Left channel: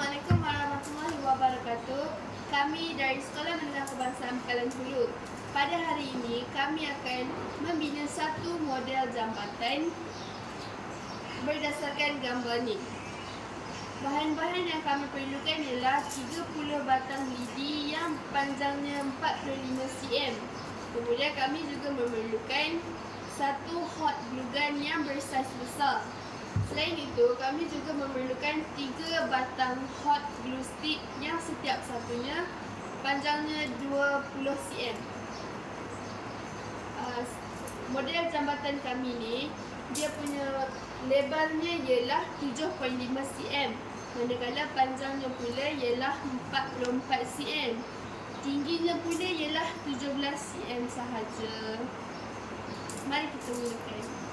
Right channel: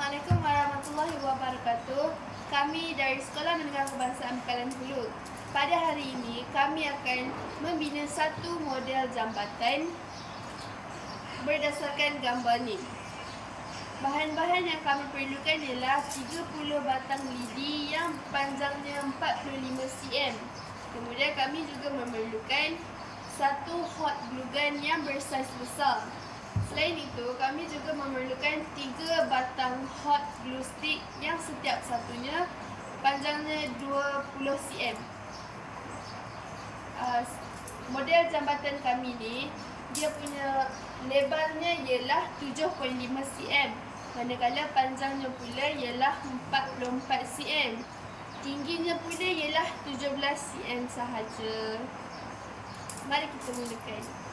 Assalamualaikum warahmatullahi wabarakatuh. Kami dari Sekolah Menengah Kebangsaan Pekalan Hulu. Pada hari ini, kami akan membina satu model jambatan berdasarkan gambar ni. Bahan-bahan yang kami perlukan ialah 30 batang lidi yang panjangnya 45 cm. Kemudian kami juga memerlukan satu hot glue gun yang bersaiz besar. Selain itu, kami juga memerlukan 3 batang hot glue stick yang setiap satunya panjangnya 20 cm. Model jambatan kami ni, dia punya lebarnya ialah 7.5 cm. Manakala panjangnya pula ialah 44 cm. Tingginya pula ialah 17 cm sahaja. Mari kita mulakan.